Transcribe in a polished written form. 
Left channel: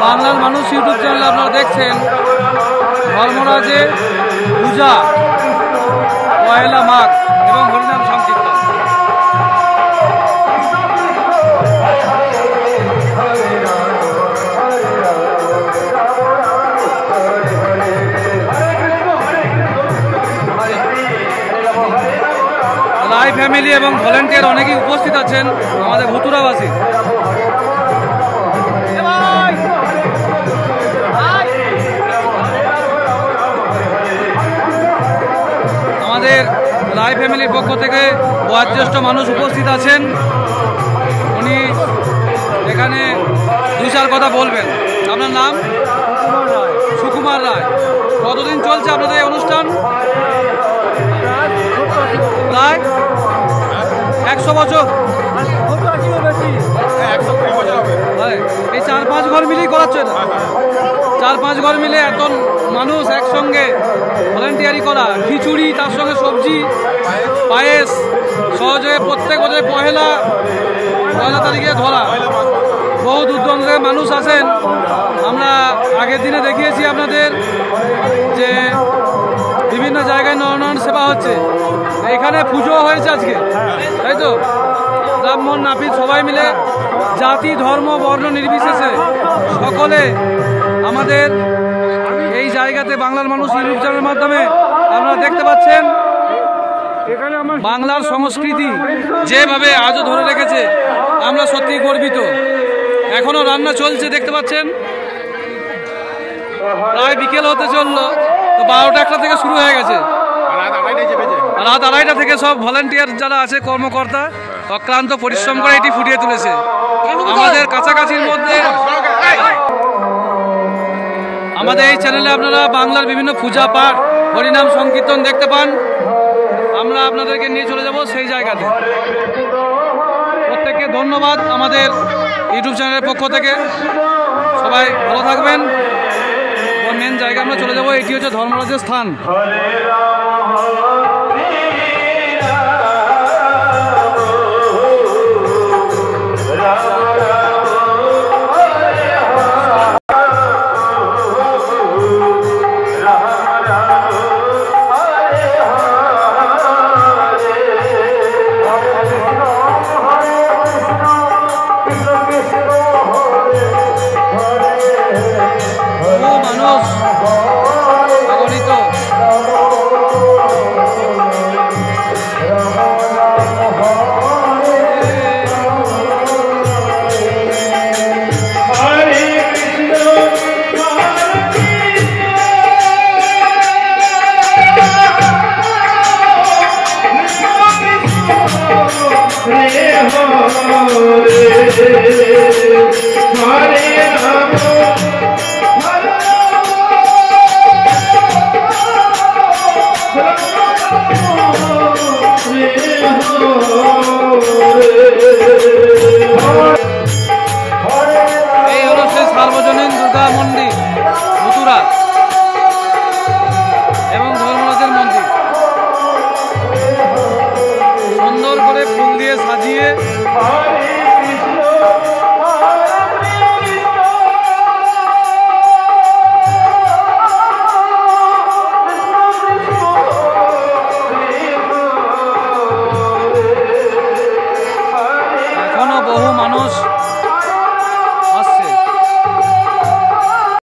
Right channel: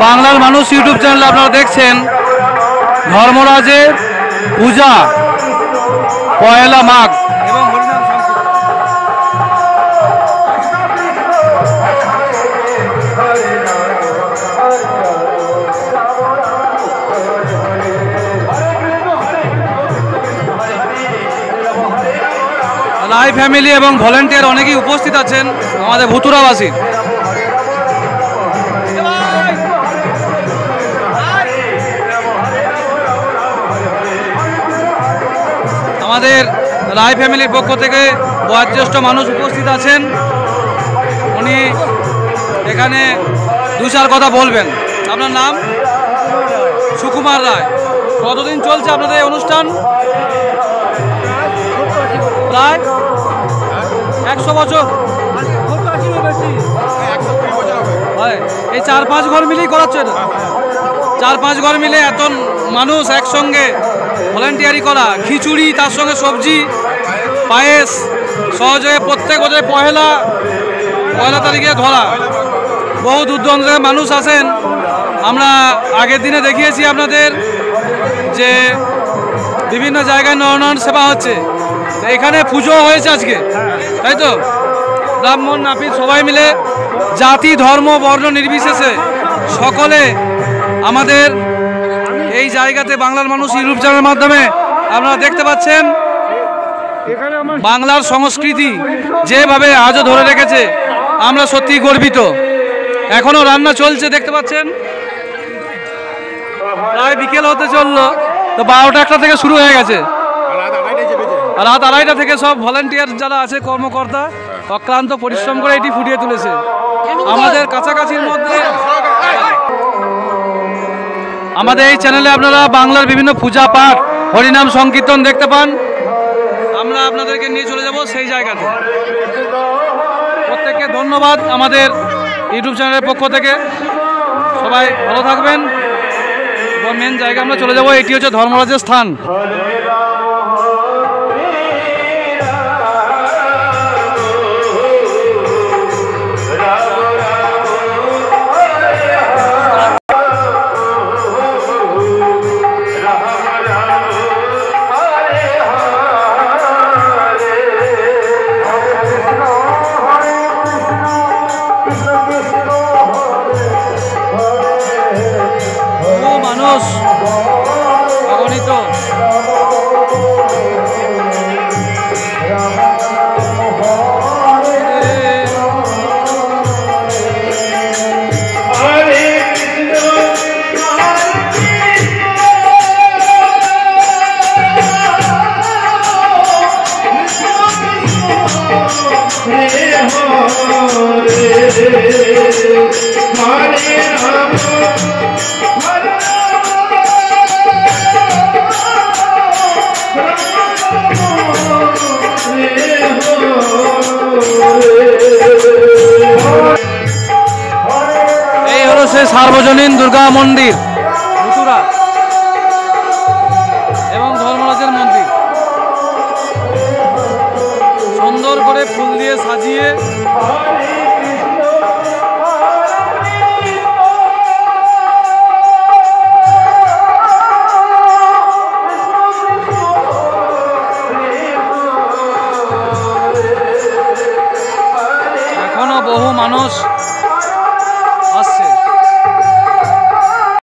বাংলার মানুষ ইউটিউব চ্যানেলে আপনারা দেখছেন ধর্মরাজের পূজা পয়লা মাঘ এবং হরিনাম সংকীর্তন। রায় ফ্যামিলি এবং ভলেন্টিয়ার অনেকেই উপস্থিত আছেন আমাদের ভুতুরাবাসী। আমাদের রায় ফ্যামিলির পক্ষ থেকে বয়োজ্যেষ্ঠ মানুষ উপস্থিত আছেন, উনি এখানে দু চার কথা বলবেন। আপনার নাম? সুকুমার রায়। কতদিন চলছে আপনাদের এই অনুষ্ঠান? প্রায় 100 বছর। এই 4-5 ঘর মিলেই করাচ্ছে না? 4-5 ঘর মিলে এত মানুষ একসঙ্গে ভলেন্টিয়ারি করা, খিচুড়ি তার সঙ্গে সবজি পায়েস সহজে প্রত্যেক বছর পয়লা তারিখে ধরা। বহু দূর দূরান্তের মানুষ আসেন। আমরা আগের দিনে দেখিয়েছি আপনাদের যে বিভিন্ন জায়গায় নরনারায়ণ সেবা হচ্ছে, এখানে পুজো হয়েছে আজকে, তাই তো? ব্রাহ্মণ নাপিত সবাই মিলে জাতি ধর্ম বর্ণ নির্বিশেষে সকলে আমাদের এই জায়গাতে বাংলার মানুষ ইউটিউব চ্যানেলের মাধ্যমে আপনারা দেখতে পাচ্ছেন বাংলার সংস্কৃতি যেভাবে আজও ধরে রেখেছে, আমরা সত্যি গর্বিত। এখনো রান্না চলছে দেখতে পাচ্ছেন, প্রায় বিকেল হতে চললো, তো 12টা থেকে শুরু হয়ে গেছে। রাত 2:30 থেকে সব ভলেন্টিয়ার যারা আছে কর্মকর্তা অক্লান্ত পরিশ্রম করে এটি ফুটিয়ে তুলেছে। আমাদের কাছাকাছির মধ্যে আমাদের এই চ্যানেলে আপনারা বাংলার বিভিন্ন পূজা পাঠ হরিনাম সংকীর্তন দেখতে পান। আমরা আপনাদেরকে নিয়ে চলে যাব সেই জায়গাতে। প্রত্যেককে ধন্যবাদ আমাদের ইউটিউব চ্যানেলের পক্ষ থেকে। সবাই ভালো থাকবেন। মেন জায়গা আমরা চলে যাব, এটি হচ্ছে ধর্মরাজের স্থান। মানুষ অগণিত এই হলো সেই সার্বজনীন দুর্গা মন্দির মথুরা এবং ধর্মরাজের মন্দির। সুন্দর করে ফুল দিয়ে সাজিয়ে